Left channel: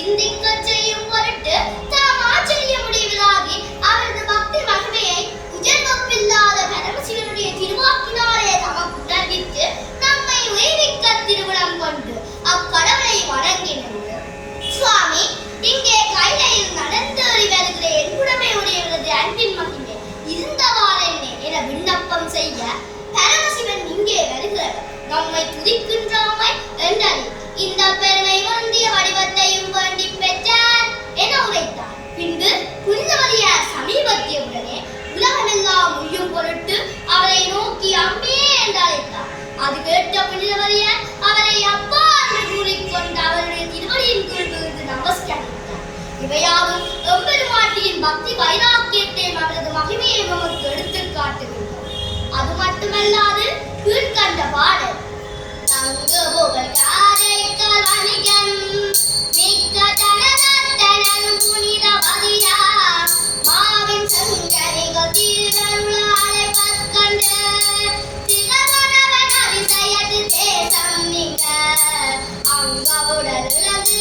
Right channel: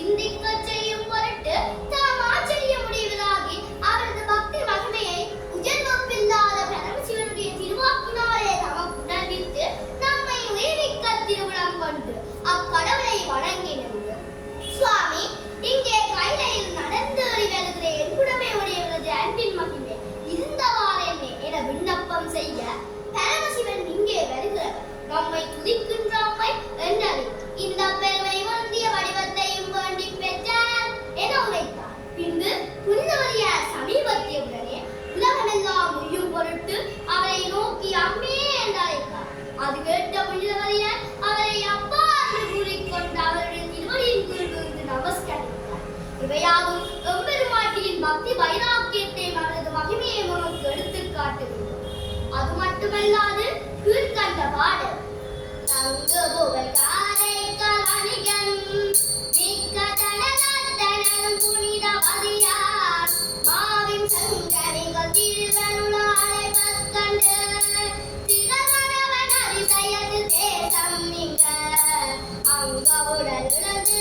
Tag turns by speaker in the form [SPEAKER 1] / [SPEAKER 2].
[SPEAKER 1] சிந்திக்க செய்யும் பொருட்டு தாம் ஆச்சரிய முடிவிலாகி அவரது பக்தி மகிமையை உஜர்வப்பில்லாத பரமசிவனுடைய திருவாக்கினாலே தமக்கு உணர்வித்து நம்மை உயிர்விக்க திருவிழம் கொண்டு அக்கடவுளை வணங்கினது. சுவாமி இங்கே கைலையில் நடந்து வருகிற எண்புடமை உடையவரது அன்பின் மகிமை இருந்தவாறே என விண்ணப்பம் செய்ய பரமசிவன் இங்கே வருகிறார். நம்மை துதிக்கும் அது கேட்ட புனிதவரிய அவரை அப்பா என்று கூறிக்கொண்டு அவருடைய திருவடியின் குரல் நமஸ்கரித்தார். இவையாவும் எம்பெருமாட்டியின் பக்தி வைராக்கியத்தையும் அவரது மகிமையை நமக்கு எடுத்து காட்டுகின்றோம் அது மட்டுமல்லாது கீழ்கண்ட பாடல். தேசம் அங்க அங்கவுடன் இழந்து